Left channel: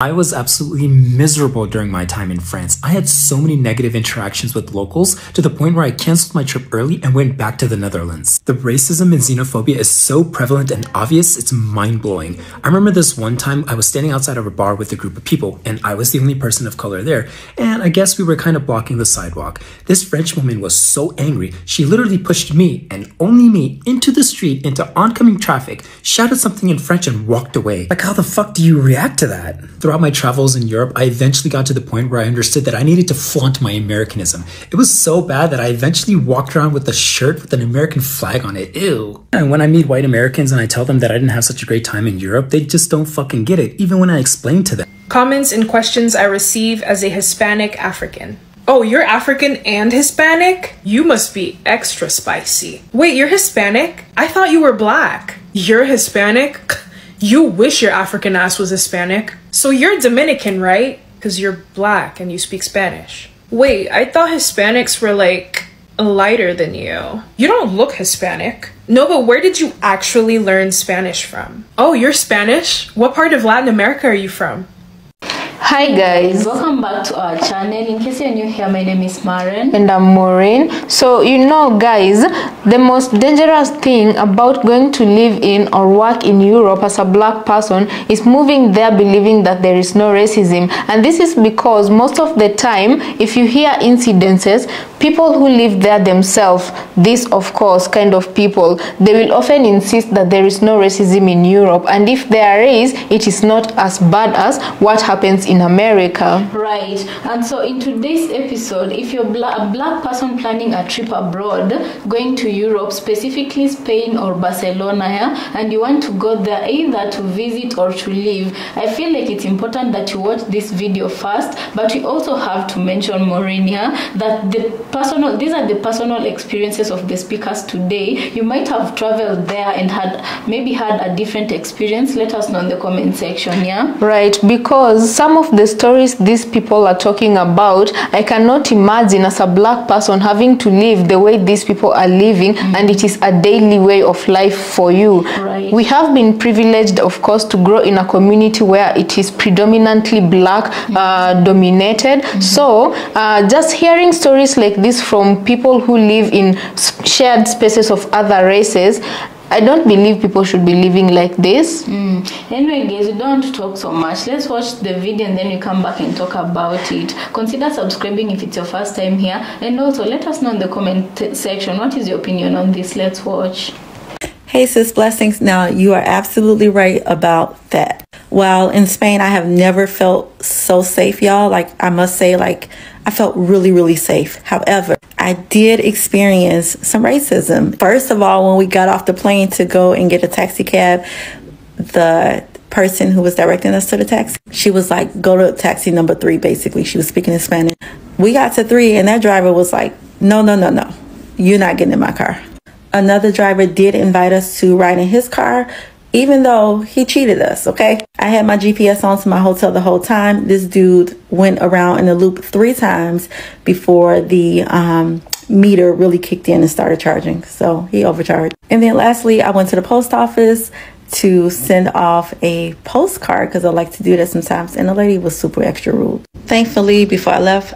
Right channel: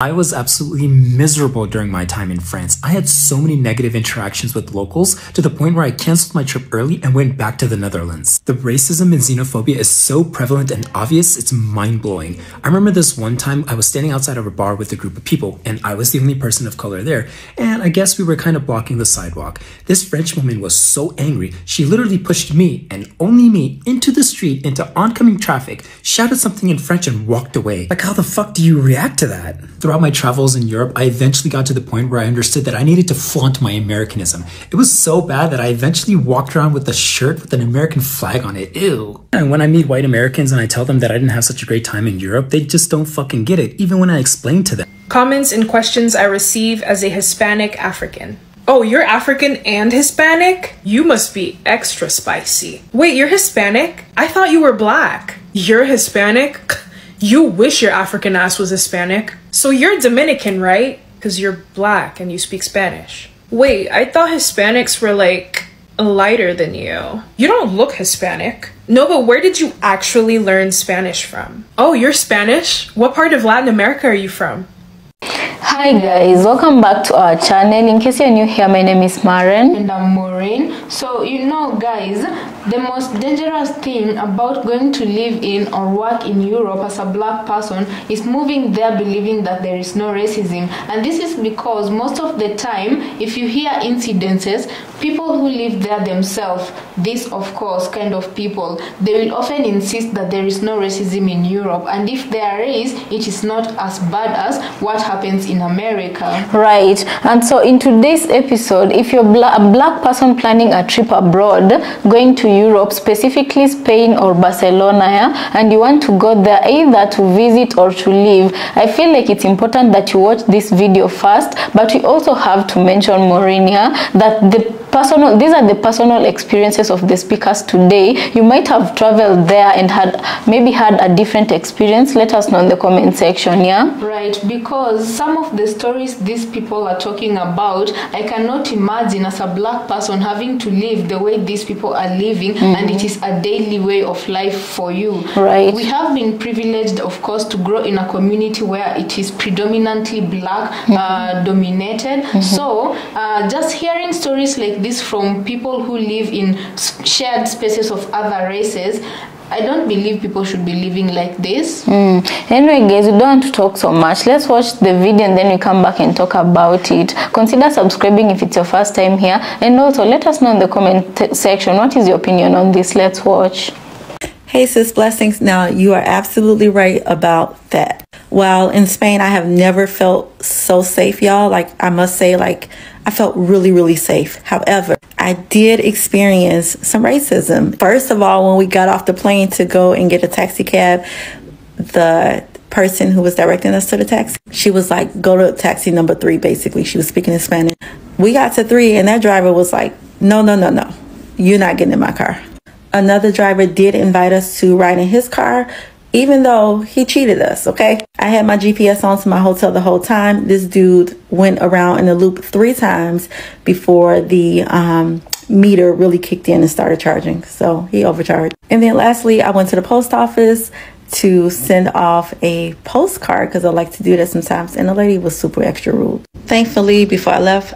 I was absolutely miserable during my time in France. I had so many negative interactions with locals to the point where I canceled my trip early and went back to the Netherlands. The racism and xenophobia is so prevalent and obvious, it's mind-blowing. I remember this one time I was standing outside of a bar with a group of people and I was the only person of color there, and I guess we were kind of blocking the sidewalk. This French woman was so angry, she literally pushed me and only me into the street into oncoming traffic, shouted something in French and walked away. Like, how the fuck do you react to that? Throughout my travels in Europe, I eventually got to the point where I understood that I needed to flaunt my Americanism. It was so bad that I eventually walked around with a shirt with an American flag on it. Ew. And when I meet white Americans and I tell them that I didn't have such a great time in Europe, they just don't fucking get it, even when I explain to them. Comments and questions I receive as a Hispanic African. Oh, you're African and Hispanic? You must be extra spicy. Wait, you're Hispanic? I thought you were black. You're Hispanic? You wish your African ass was Hispanic. So you're Dominican, right? Because you're black and you speak Spanish. Wait, I thought Hispanics were like lighter than you. You don't look Hispanic. No, but where did you actually learn Spanish from? Oh, you're Spanish? What part of Latin America are you from? Hi guys, welcome back to our channel. In case you're new here, my name is Maren and I'm Maureen. So you know guys, the most dangerous thing about going to live in or work in Europe as a black person is moving there believing that there is no racism. And this is because most of the time, if you hear incidences, people who live there themselves, this of course kind of people, they will often insist that there is no racism in Europe, and if there is, it is not as bad as what happens in America. Right. And so in today's episode, if you're a black person planning a trip abroad, going to Europe, specifically Spain or Barcelona, yeah, and you want to go there either to visit or to live, I feel like it's important that you watch this video first. But we also have to mention, Maureen, yeah, that these are the personal experiences of the speakers today. You might have traveled there and maybe had a different experience. Let us know in the comment section, yeah? Right, because some of the stories these people are talking about, I cannot imagine as a black person having to live the way these people are living, and it is a daily way of life for you. Right. We have been privileged, of course, to grow in a community where it is predominantly black dominated. So just hearing stories like this from people who live in shared spaces of other races, I don't believe people should be living like this. Anyway guys, we don't want to talk so much. Let's watch the video and then we come back and talk about it. Consider subscribing if it's your first time here, and also let us know in the comment section what is your opinion on this. Let's watch. Hey sis, blessings. Now you are absolutely right about that. While in Spain, I have never felt so safe, y'all. Like, I must say, like, I felt really, really safe. However, I did experience some racism. First of all, when we got off the plane to go and get a taxi cab, the person who was directing us to the taxi, she was like, go to taxi number 3, basically. She was speaking in Spanish. We got to 3 and that driver was like, no, you're not getting in my car. Another driver did invite us to ride in his car, even though he cheated us, okay? I had my GPS on to my hotel the whole time. This dude went around in the loop 3 times before the meter really kicked in and started charging. So he overcharged. And then lastly, I went to the post office to send off a postcard because I like to do that sometimes. And the lady was super extra rude. Thankfully, before I left,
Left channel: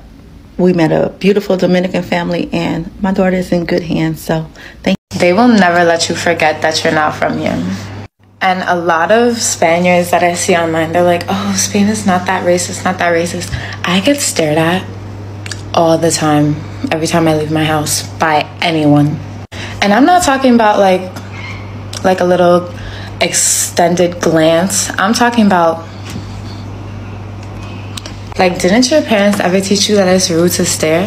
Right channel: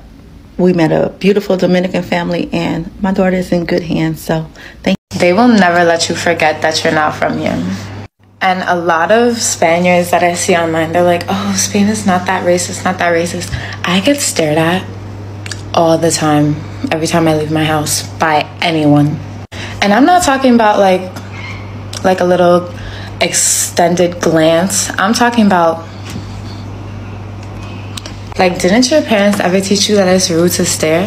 we met a beautiful Dominican family and my daughter is in good hands. So thank you. They will never let you forget that you're not from here. And a lot of Spaniards that I see online, they're like, oh, Spain is not that racist, not that racist. I get stared at all the time, every time I leave my house, by anyone. And I'm not talking about like a little extended glance. I'm talking about, like, didn't your parents ever teach you that it's rude to stare?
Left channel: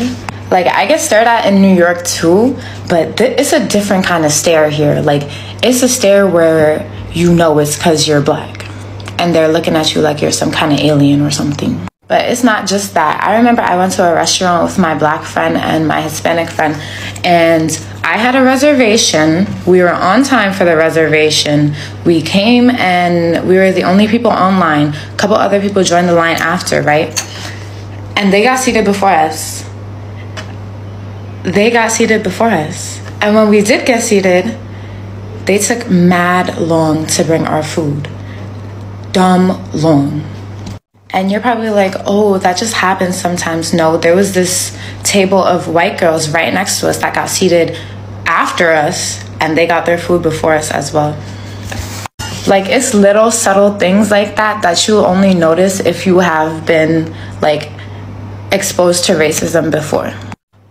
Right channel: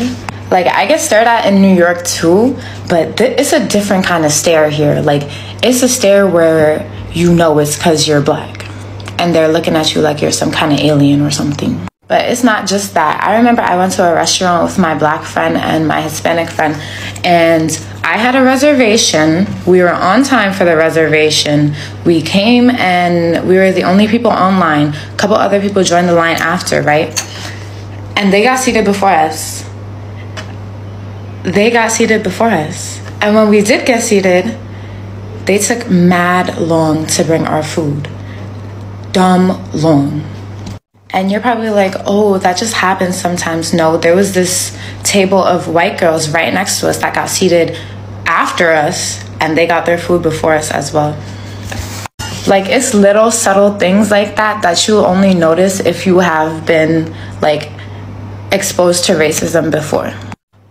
Like, I get stared at in New York too, but it's a different kind of stare here. Like, it's a stare where you know it's because you're black and they're looking at you like you're some kind of alien or something. But it's not just that. I remember I went to a restaurant with my black friend and my Hispanic friend, and I had a reservation. We were on time for the reservation. We came and we were the only people online. A couple other people joined the line after, right? And they got seated before us. And when we did get seated, they took mad long to bring our food. Dumb long. And you're probably like, oh, that just happens sometimes. No, there was this table of white girls right next to us that got seated after us, and they got their food before us as well. Like, it's little subtle things like that that you only notice if you have been like exposed to racism before.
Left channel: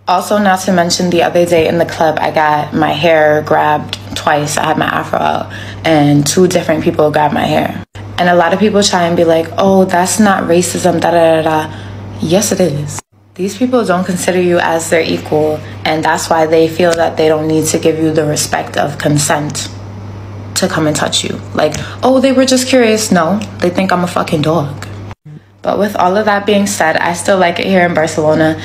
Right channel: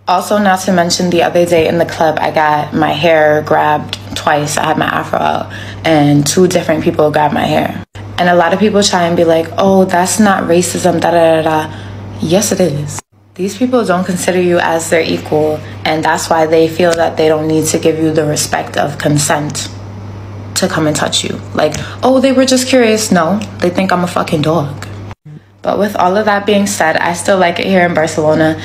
Also, not to mention, the other day in the club, I got my hair grabbed twice. I had my afro out and 2 different people grabbed my hair. And a lot of people try and be like, oh, that's not racism, da da da da. Yes, it is. These people don't consider you as their equal, and that's why they feel that they don't need to give you the respect of consent to come and touch you. Like, oh, they were just curious. No, they think I'm a fucking dog. But with all of that being said, I still like it here in Barcelona.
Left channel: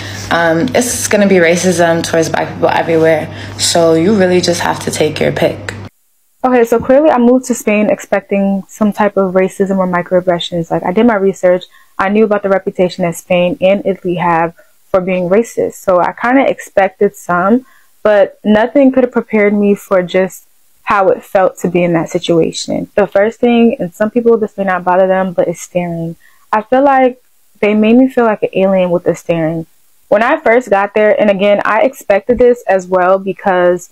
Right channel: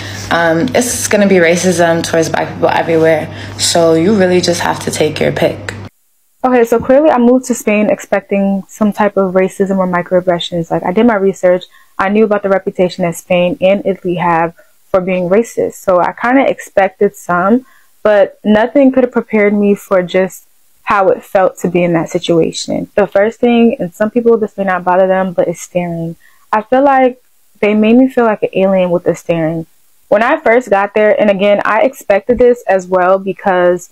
It's gonna be racism towards black people everywhere, so you really just have to take your pick. Okay, so clearly I moved to Spain expecting some type of racism or microaggressions. Like, I did my research. I knew about the reputation that Spain and Italy have for being racist. So I kind of expected some, but nothing could have prepared me for just how it felt to be in that situation. The first thing, and some people, this may not bother them, but it's staring. I feel like they made me feel like an alien with the staring. When I first got there, and again, I expected this as well because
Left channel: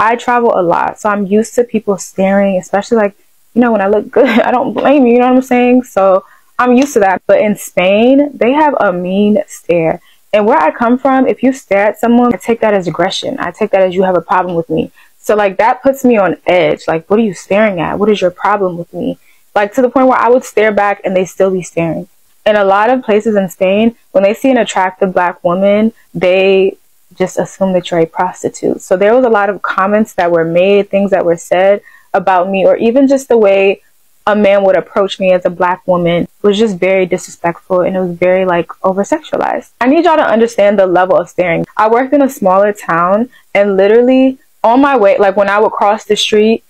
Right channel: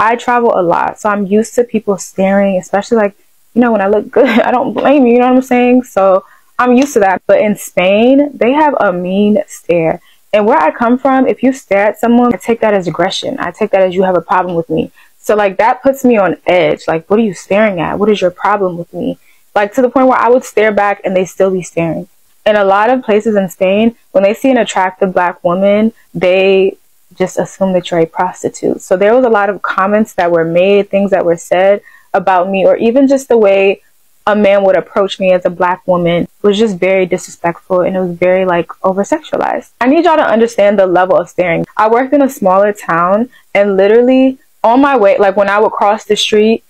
I travel a lot, so I'm used to people staring, especially like, you know, when I look good, I don't blame you, you know what I'm saying? So I'm used to that. But in Spain, they have a mean stare. And where I come from, if you stare at someone, I take that as aggression. I take that as you have a problem with me. So like that puts me on edge. Like, what are you staring at? What is your problem with me? Like, to the point where I would stare back and they still be staring. In a lot of places in Spain, when they see an attractive black woman, they just assume that you're a prostitute. So there was a lot of comments that were made, things that were said about me, or even just the way a man would approach me as a black woman was just very disrespectful, and it was very like over-sexualized. I need y'all to understand the level of staring. I worked in a smaller town, and literally on my way, like when I would cross the street,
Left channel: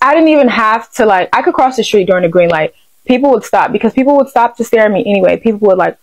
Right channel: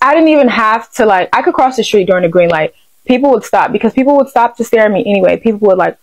I didn't even have to, like, I could cross the street during the green light. People would stop because people would stop to stare at me anyway. People would like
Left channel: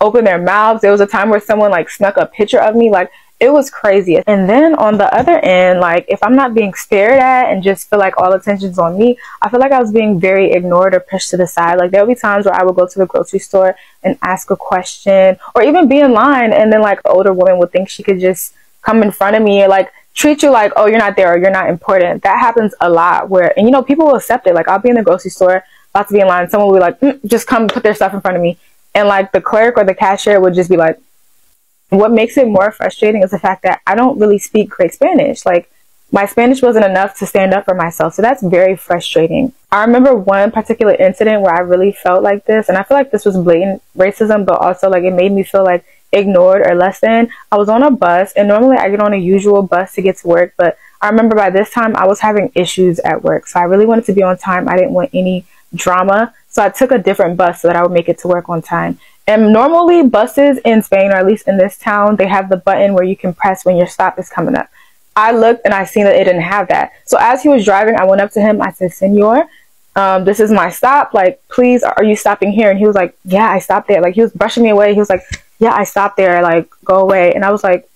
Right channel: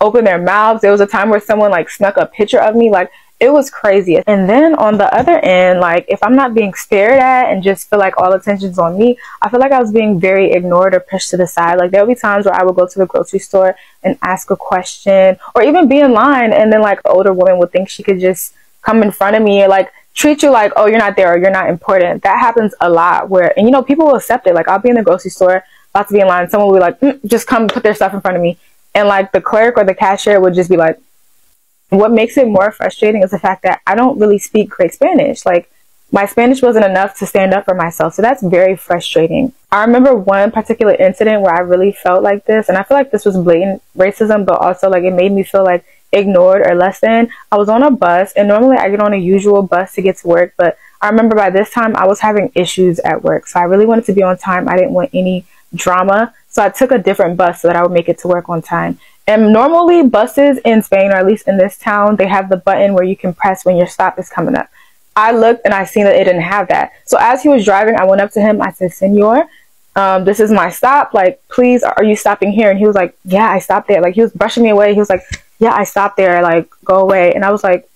open their mouths. There was a time where someone like snuck a picture of me. Like, it was crazy. And then on the other end, like, if I'm not being stared at and just feel like all attention's on me, I feel like I was being very ignored or pushed to the side. Like, there would be times where I would go to the grocery store and ask a question, or even be in line, and then like an older woman would think she could just come in front of me or like treat you like, oh, you're not there or you're not important. That happens a lot where, and you know, people will accept it. Like, I'll be in the grocery store, about to be in line, someone will be like, just come put their stuff in front of me. And like the clerk or the cashier would just be like, what makes it more frustrating is the fact that I don't really speak great Spanish. Like, my Spanish wasn't enough to stand up for myself. So that's very frustrating. I remember one particular incident where I really felt like this, and I feel like this was blatant racism, but also like it made me feel like ignored or less than. I was on a bus, and normally I get on a usual bus to get to work, but I remember by this time I was having issues at work. So I really wanted to be on time. I didn't want any drama. So I took a different bus so that I would make it to work on time. And normally buses in Spain, or at least in this town, they have the button where you can press when your stop is coming up. I looked and I seen that it didn't have that. So as he was driving, I went up to him. I said, Senor, this is my stop. Like, please, are you stopping here? And he was like, yeah, I stopped there. Like, he was brushing me away. He was like, yeah, I stopped there. Like, go away. And I was like,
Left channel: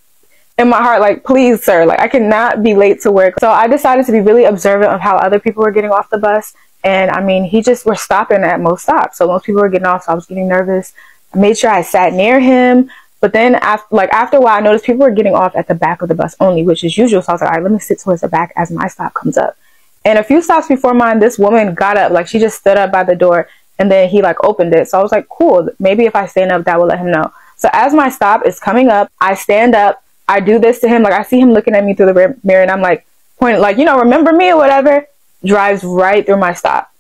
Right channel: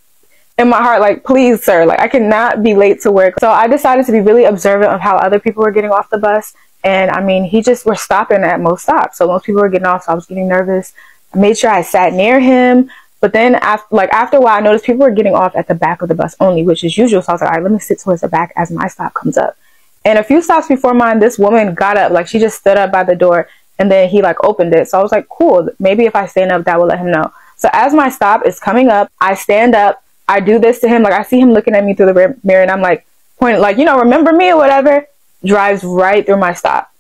in my heart, like, please, sir, like, I cannot be late to work. So I decided to be really observant of how other people were getting off the bus. And I mean, he just was stopping at most stops. So most people were getting off. So I was getting nervous. I made sure I sat near him. But then after a while, I noticed people were getting off at the back of the bus only, which is usual. So I was like, all right, let me sit towards the back as my stop comes up. And a few stops before mine, this woman got up, like she just stood up by the door, and then he like opened it. So I was like, cool, maybe if I stand up, that will let him know. So as my stop is coming up, I stand up, I do this to him. Like, I see him looking at me through the mirror, and I'm like pointing, like, you know, remember me or whatever. Drives right through my stop.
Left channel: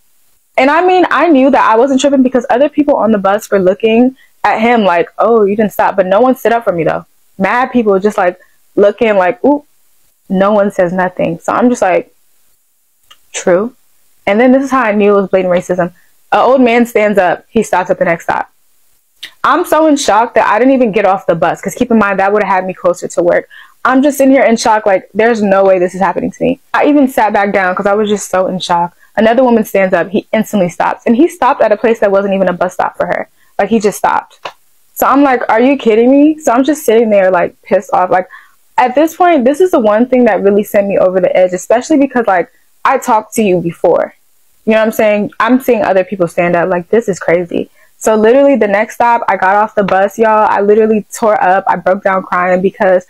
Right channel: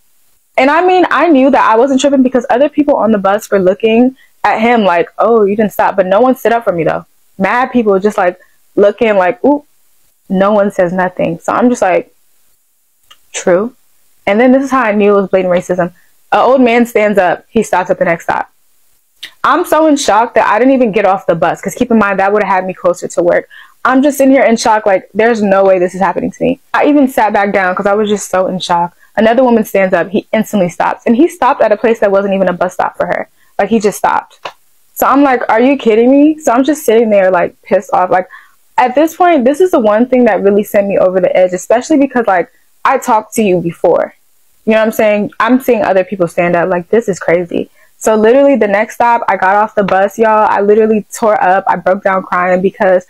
And I mean, I knew that I wasn't tripping because other people on the bus were looking at him like, oh, you didn't stop. But no one stood up for me though. Mad people just like looking like, ooh, no one says nothing. So I'm just like, true. And then this is how I knew it was blatant racism. An old man stands up. He stops at the next stop. I'm so in shock that I didn't even get off the bus, because keep in mind, that would have had me closer to work. I'm just sitting here in shock, like, there's no way this is happening to me. I even sat back down because I was just so in shock. Another woman stands up. He instantly stops. And he stopped at a place that wasn't even a bus stop for her. Like, he just stopped. So I'm like, are you kidding me? So I'm just sitting there, like, pissed off. Like, at this point, this is the one thing that really sent me over the edge, especially because, like, I talked to you before. You know what I'm saying? I'm seeing other people stand up. Like, this is crazy. So literally the next stop, I got off the bus, y'all. I literally tore up. I broke down crying because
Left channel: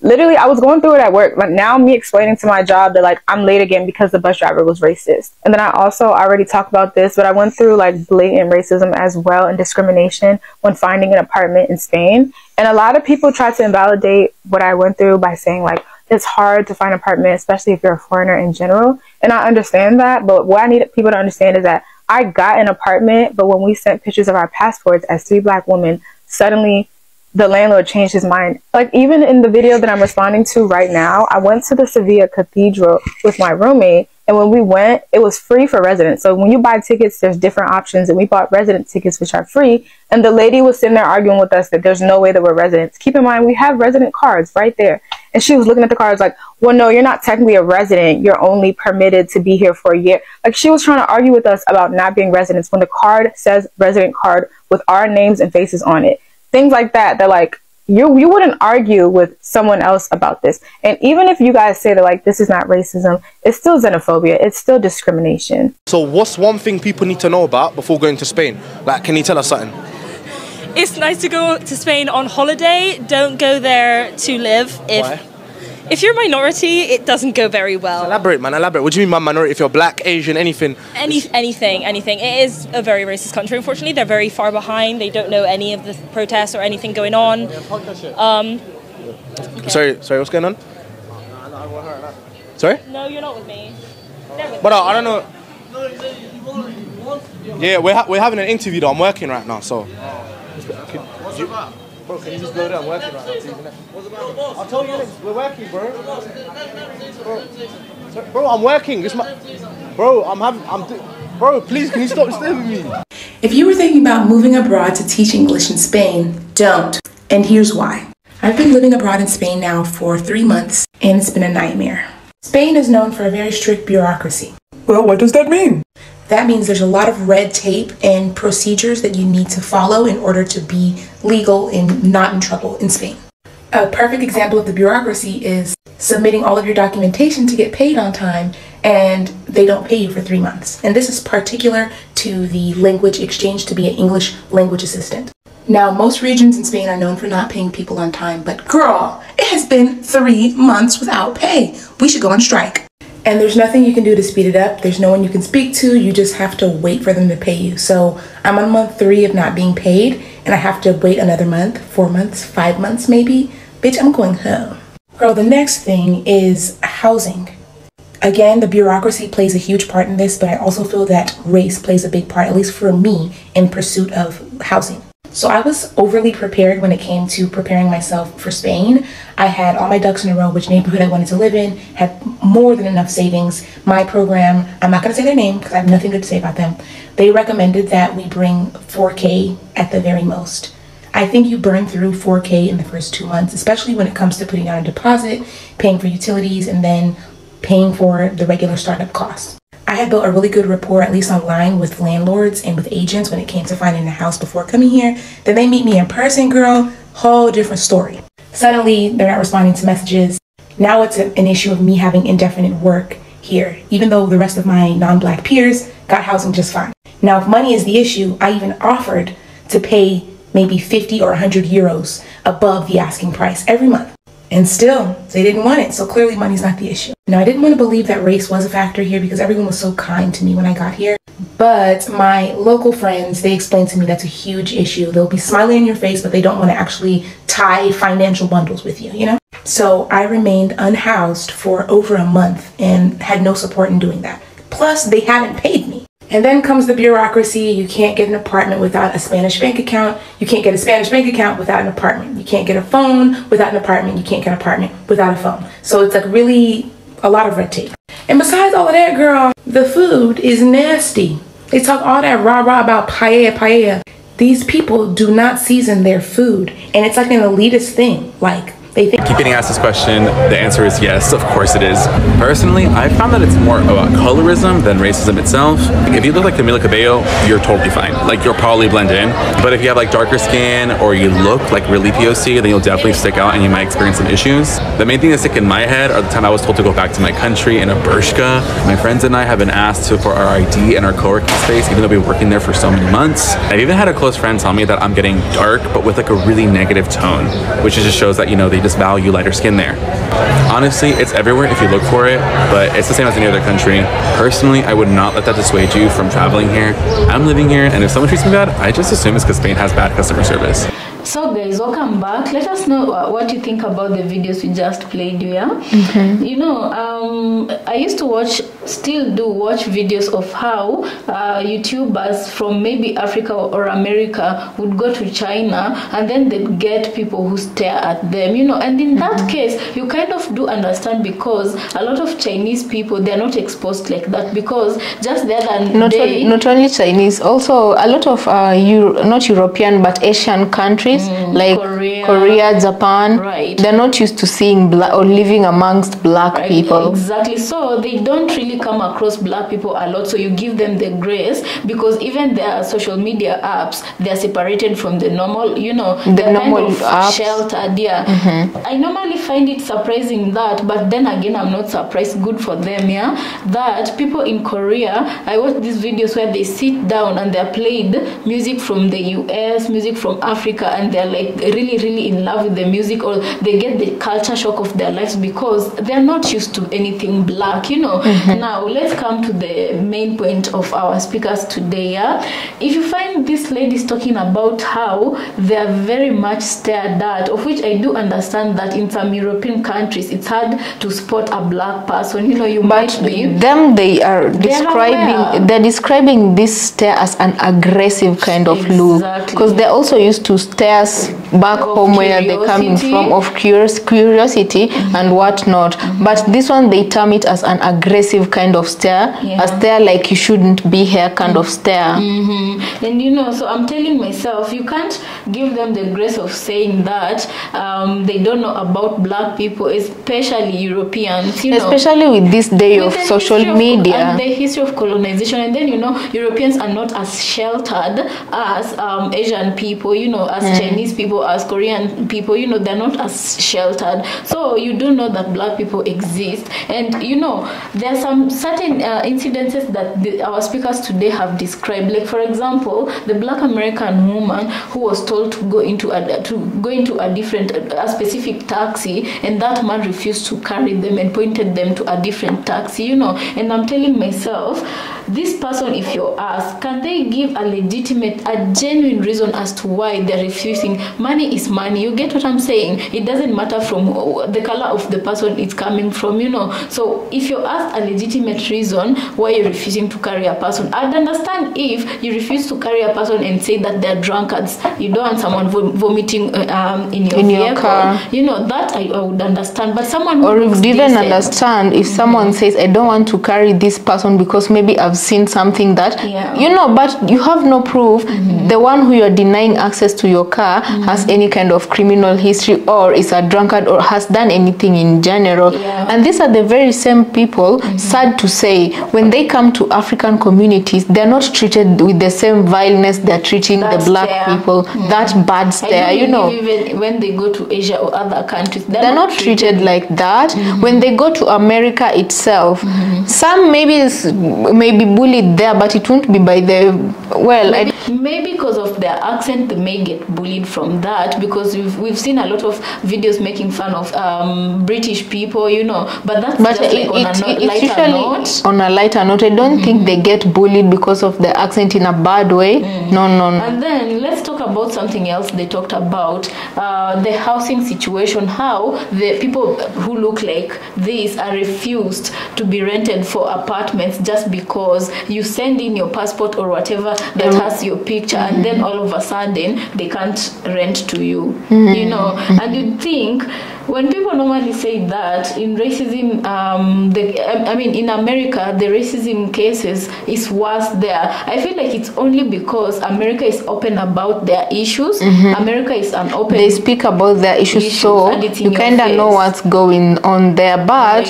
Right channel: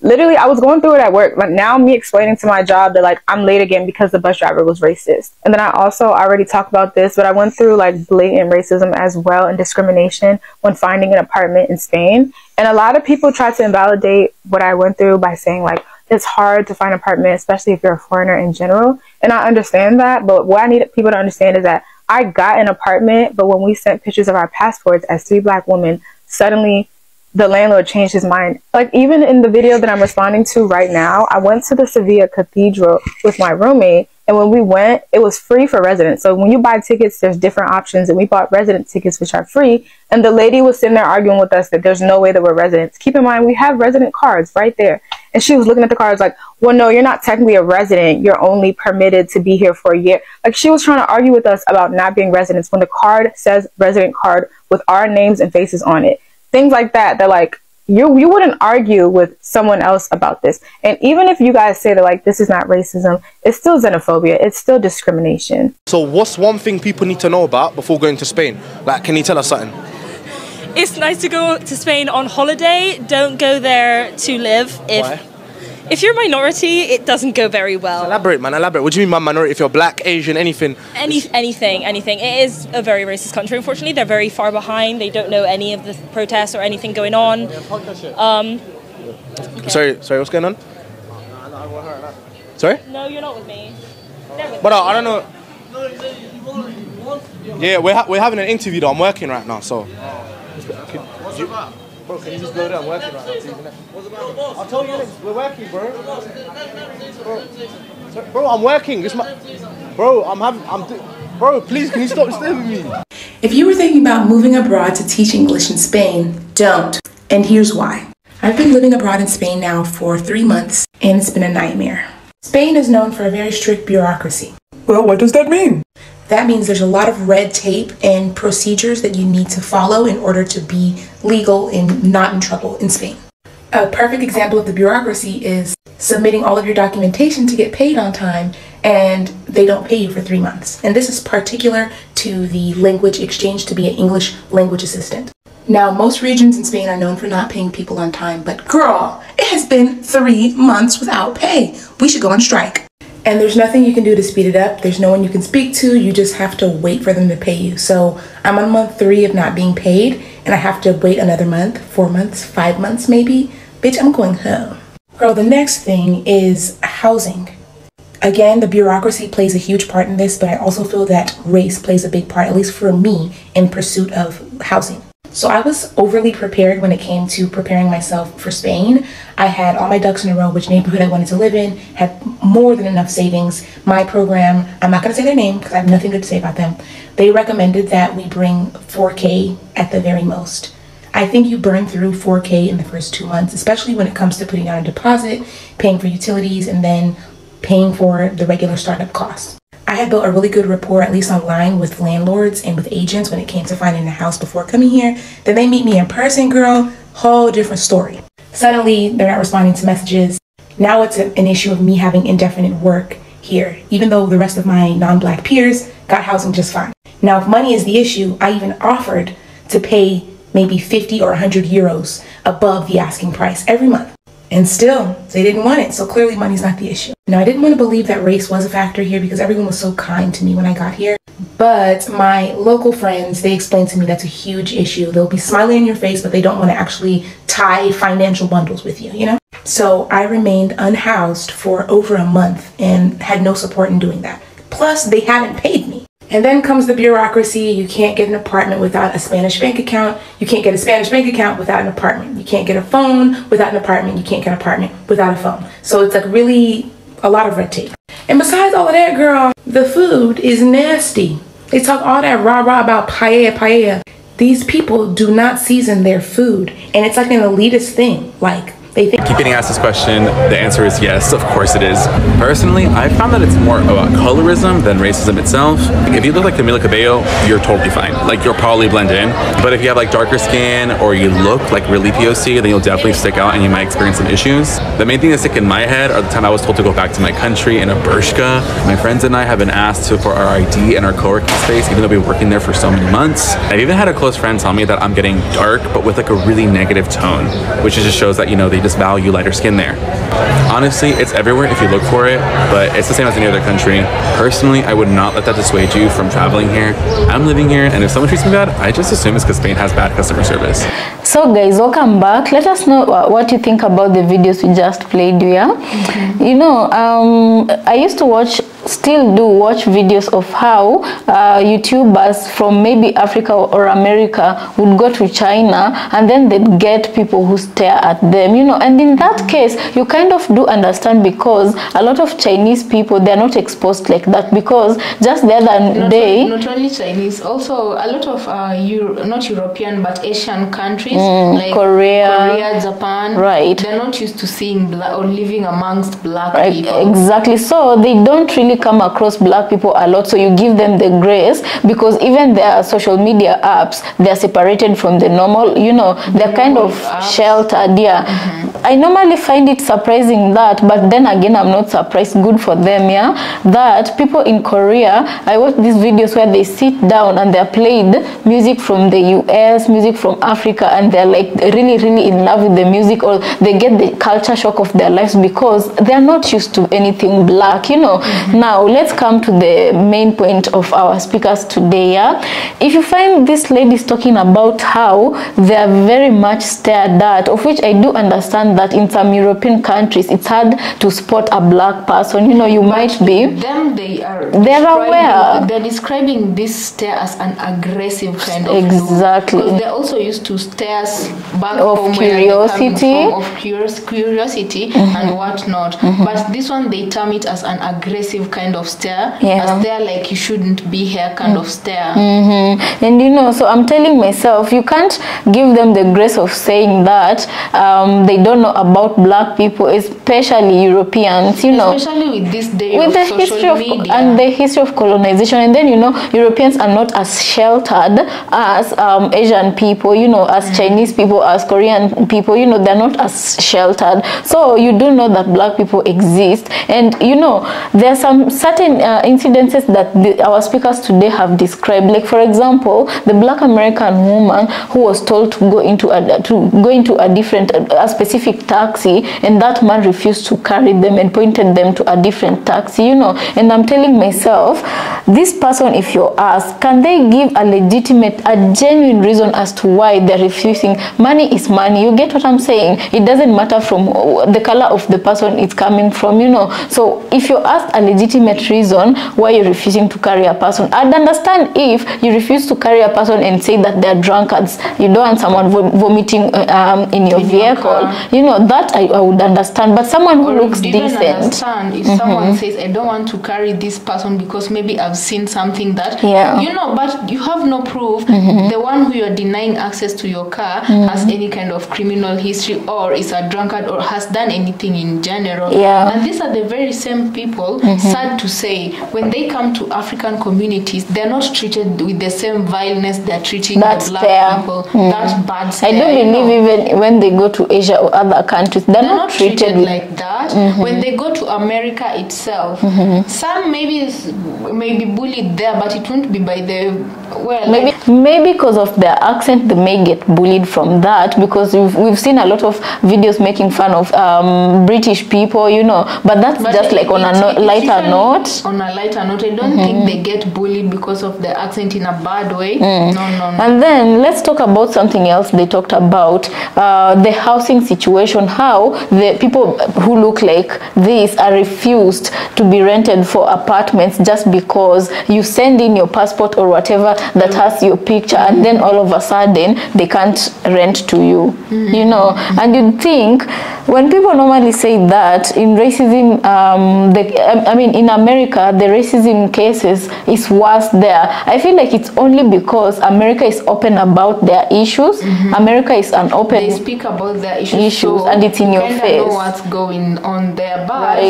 literally I was going through it at work. But now me explaining to my job that like I'm late again because the bus driver was racist. And then I also already talked about this, but I went through like blatant racism as well and discrimination when finding an apartment in Spain. And a lot of people try to invalidate what I went through by saying like it's hard to find an apartment, especially if you're a foreigner in general. And I understand that, but what I need people to understand is that I got an apartment, but when we sent pictures of our passports as 3 Black women, suddenly the landlord changed his mind. Like even in the video that I'm responding to right now, I went to the Sevilla Cathedral with my roommate, and when we went, it was free for residents. So when you buy tickets, there's different options, and we bought resident tickets, which are free. And the lady was sitting there arguing with us that there's no way that we're residents. Keep in mind, we have resident cards right there. And she was looking at the cards like, well, no, you're not technically a resident. You're only permitted to be here for a year. Like she was trying to argue with us about not being residents when the card says resident card with our names and faces on it. Things like that. They're like, you wouldn't argue with someone else about this. And even if you guys say that like this is not racism, it's still xenophobia. It's still discrimination. So what's one thing people need to know about before going to Spain? Like, can you tell us something? It's nice to go to Spain on holiday. Don't go there to live. Why? If you're a minority, it doesn't go very well. Elaborate, man, elaborate. What do you mean by minority? If you're Black, Asian, anything? Anything. It is a very racist country, unfortunately. They're very far behind. They don't know any of the protests or anything going on. Okay. Sorry, what's going on? Sorry? No, you're not with me. But I don't know. Yeah, we're having an interview though. I'm working right now, so. What's about? Bro, can you just go there? I'm working right now. What's about? I'll tell you next. We're working, bro. Bro, I'm working. It's my. Bro, Bro, please, can you stop disturbing me? If you were thinking about moving abroad to teach English in Spain, don't. And here's why. I've been living abroad in Spain now for 3 months, and it's been a nightmare. Spain is known for a very strict bureaucracy. Well, what does that mean? That means there's a lot of red tape and procedures that you need to follow in order to be legal and not in trouble in Spain. A perfect example of the bureaucracy is submitting all of your documentation to get paid on time, and they don't pay you for 3 months. And this is particular to the language exchange to be an English language assistant. Now, most regions in Spain are known for not paying people on time, but girl, it has been 3 months without pay. We should go on strike. And there's nothing you can do to speed it up. There's no one you can speak to. You just have to wait for them to pay you. So I'm on month 3 of not being paid, and I have to wait another month, 4 months, 5 months maybe. Bitch, I'm going home. Girl, the next thing is housing. Again, the bureaucracy plays a huge part in this, but I also feel that race plays a big part, at least for me, in pursuit of housing. So I was overly prepared when it came to preparing myself for Spain. I had all my ducks in a row, which neighborhood I wanted to live in, had more than enough savings. My program, I'm not going to say their name because I have nothing good to say about them. They recommended that we bring 4K at the very most. I think you burn through 4K in the first 2 months, especially when it comes to putting down a deposit, paying for utilities, and then paying for the regular startup costs. I had built a really good rapport, at least online, with landlords and with agents when it came to finding a house before coming here. Then they meet me in person, girl, whole different story. Suddenly, they're not responding to messages. Now it's an issue of me having indefinite work here, even though the rest of my non-Black peers got housing just fine. Now, if money is the issue, I even offered to pay maybe 50 or 100 euros above the asking price every month. And still, they didn't want it, so clearly money's not the issue. Now, I didn't want to believe that race was a factor here because everyone was so kind to me when I got here. But my local friends, they explained to me that's a huge issue. They'll be smiling in your face, but they don't want to actually tie financial bundles with you, you know? So I remained unhoused for over a month and had no support in doing that. Plus, they haven't paid me. And then comes the bureaucracy. You can't get an apartment without a Spanish bank account. You can't get a Spanish bank account without an apartment. You can't get a phone without an apartment. You can't get an apartment without a phone. So it's like really a lot of red tape. And besides all of that, girl, the food is nasty. They talk all that rah-rah about paella. These people do not season their food. And it's like an elitist thing. Like, They think. Keep getting asked this question. The answer is yes, of course it is. Personally, I found that it's more about colorism than racism itself. If you look like Camila Cabello, you're totally fine. Like, you'll probably blend in. But if you have like darker skin or you look like really POC, then you'll definitely stick out and you might experience some issues. The main thing that stick in my head are the time I was told to go back to my country in a burshka. My friends and I have been asked for our ID and our co-working space, even though we've been working there for so many months. I've even had a close friend tell me that I'm getting dark, but with like a really negative tone, which just shows that, you know, they just value lighter skin there. Honestly, it's everywhere if you look for it, but it's the same as any other country. Personally, I would not let that dissuade you from traveling here. I'm living here, and if someone treats me bad, I just assume it's because Spain has bad customer service. So guys, welcome back. Let us know what you think about the videos we just played. You know, I used to still do watch videos of how YouTubers from maybe Africa or America would go to China and then they'd get people who stare at them, you know, and in that case you kind of do understand, because a lot of Chinese people, they're not exposed like that, because just the other day, not only Chinese, also a lot of not European but Asian countries, like Korea, Japan, right? They're not used to seeing black or living amongst black people. Exactly. So they don't really come across black people a lot. So you give them the grace, because even their social media apps, they're separated from the normal, you know, they're kind of sheltered. Yeah. I normally find it surprising that, but then again, I'm not surprised. Good for them, yeah. That people in Korea, I watch these videos where they sit down and they're played music from the US, music from Africa, and they're like really in love with the music, or they get the culture shock of their lives because they're not used to anything black, you know. Now let's come to the main point of our speakers today. Yeah, if you find these ladies talking about how they're very much stared at, of which I do understand that in some European countries it's hard to spot a black person, you know, you might be them, they're describing this stare as an aggressive kind of look, because they're also used to stares back home where they're coming from, of curiosity and whatnot. But this one, they term it as an aggressive kind of stare, a stare like you shouldn't be here kind of stare. And you know, so I'm telling myself, you can't give them the grace of saying that they don't know about black people, especially Europeans, you know, especially with this day of social media and the history of colonization. And then, you know, Europeans are not as sheltered as Asian people, you know, as Chinese people, as Korean people, you know, they're not as sheltered. So you do know that black people exist. And you know, there are some certain incidences that our speakers today have described. Like, for example, the black American woman who was told to go into a specific taxi, and that man refused to carry them and pointed them to a different taxi, you know. And I'm telling myself, this person, if you ask, can they give a genuine reason as to why they're refusing? Money is money, you get what I'm saying? It doesn't matter from the color of the person it's coming from, you know. So if you ask a legitimate reason why you're refusing to carry a person, I'd understand if you refuse to carry a person and say that they're drunkards, you don't want someone vomiting in your vehicle, you know, that I would understand. But someone who looks even decent, understand if someone says, I don't want to carry this person because maybe I've seen something that, you know, but you have no proof the one who you're denying access to your car has any kind of criminal history, or is a drunkard, or has done anything in general. And these are the very same people, sad to say, when they come to African communities, they're not treated with the same vileness they're treating the black people. That bad stare. I don't believe even when they go to Asia or other countries, they're not treated like that. When they go to America itself, some may be bullied there, but it won't be by the, well, maybe because of their accent, they may get bullied from that, because we've seen a lot of videos making fun of British people, you know, but that's just like on a lighter note. On a lighter note, I don't think they get bullied because of the accent in a bad way. No. And then let's talk about something else they talked about, the housing situation, how the people who look like this are refused to be rented for apartments just because you send in your passport or whatever that has your picture, and then all of a sudden they can't rent to you, you know. And you'd think when people normally say that in racism, in America, the racism cases is worse there. I feel like it's only because America is open about their issues. America is an open. They speak about their issues so and it's in you your kind of know what's going on there. But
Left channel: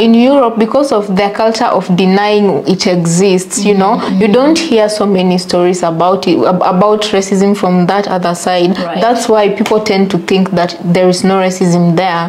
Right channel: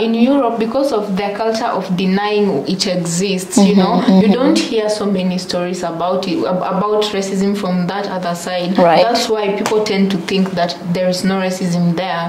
in Europe, because of their culture of denying it exists, you know, you don't hear so many stories about it, about racism from that other side. That's why people tend to think that there is no racism there.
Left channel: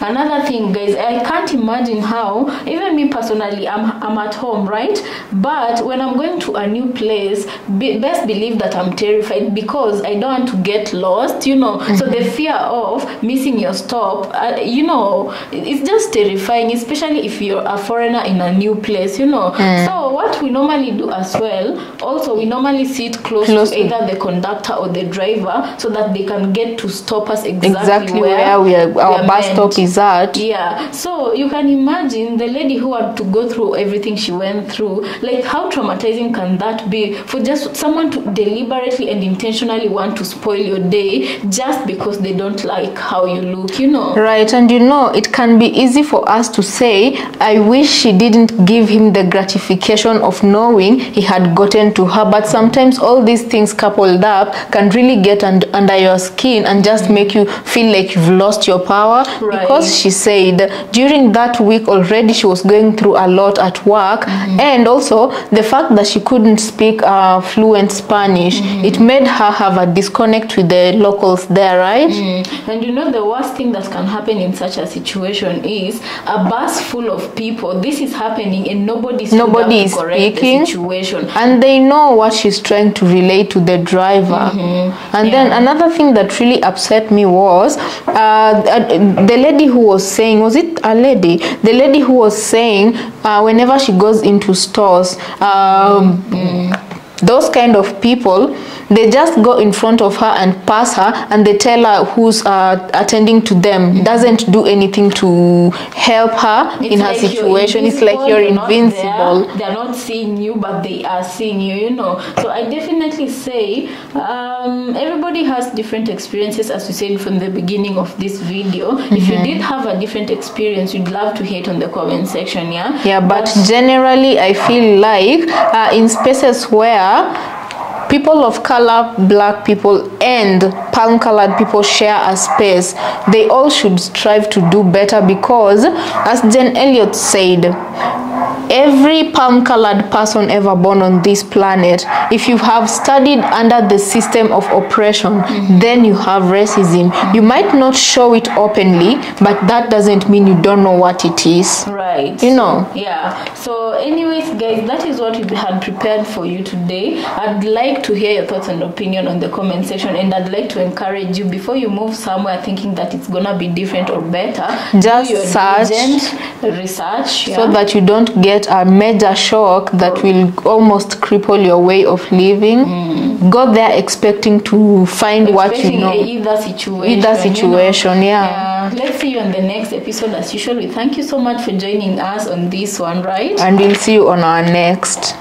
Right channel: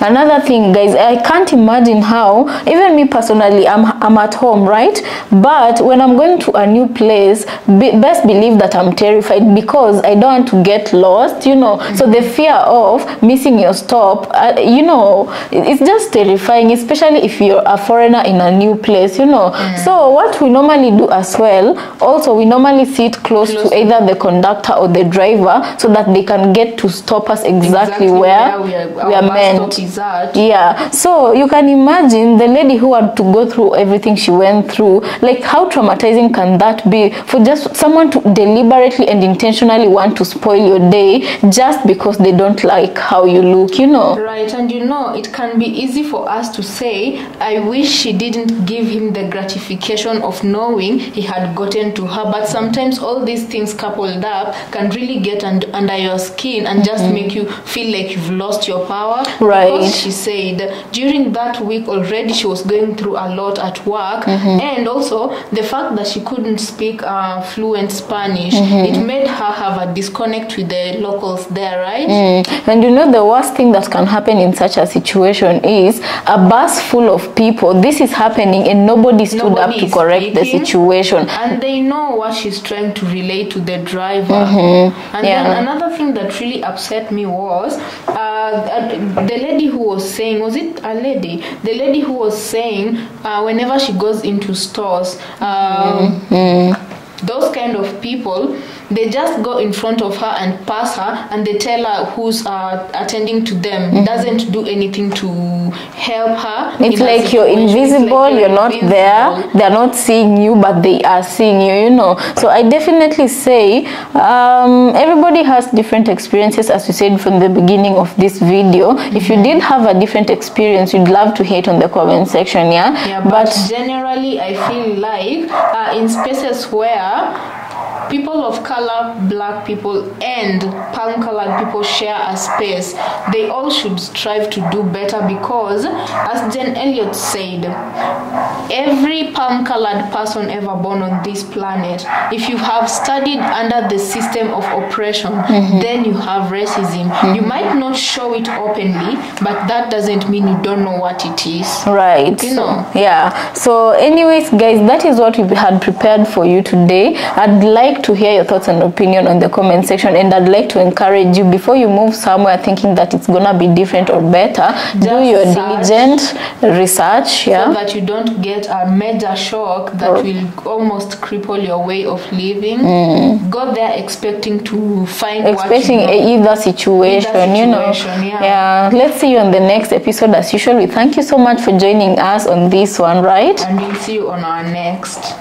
Another thing, guys, I can't imagine how, even me personally, I'm at home, right? But when I'm going to a new place, best believe that I'm terrified because I don't want to get lost, you know. So the fear of missing your stop, you know, it's just terrifying, especially if you're a foreigner in a new place, you know. So what we normally do as well, also we normally sit close to either the conductor or the driver so that they can get to stop us exactly where our bus stop is at. Yeah, so you can imagine the lady who had to go through everything she went through. Like, how traumatizing can that be for just someone to deliberately and intentionally want to spoil your day just because they don't like how you look, you know? Right, and you know, it can be easy for us to say, I wish she didn't give him the gratification of knowing he had gotten to her, but sometimes all these things coupled up can really get under your skin and just make you feel like you've lost your power. Because she said during that week already she was going through a lot at work, and also the fact that she couldn't speak fluent Spanish, it made her have a disconnect with the locals there, right? And you know, the worst thing that can happen in such a situation is a bus full of people. This is happening and nobody is correct the situation, and they know what she's trying to relate to the driver. And then another thing that really upset me was the lady who was saying, was it a lady? The lady who was saying whenever she goes into stores, those kind of people, they just go in front of her and pass her, and they tell her who's attending to them. Doesn't do anything to help her. It's in like you're invisible, you're not there. They're not seeing you, but they are seeing you, you know. So I definitely say everybody has different experiences, as we said from the beginning of this video. If you did have a different experience, you'd love to hate on the comment section, yeah? But generally, I feel like in spaces where people of color, black people, and palm-colored people share a space, they all should strive to do better, because, as Jen Elliott said, every palm-colored person ever born on this planet, if you have studied under the system of oppression, then you have racism. You might not show it openly, but that doesn't mean you don't know what it is. Right. You know? Yeah. So anyways, guys, that is what we had prepared for you today. I'd like to hear your thoughts and opinion on the comment section, and I'd like to encourage you, before you move somewhere thinking that it's gonna be different or better, do your diligent research, so that you don't get a major shock that will almost cripple your way of living. Go there expecting to find what you know. Either situation, yeah. Let's see you on the next episode. As usual, we thank you so much for joining us on this one, right? And we'll see you on our next.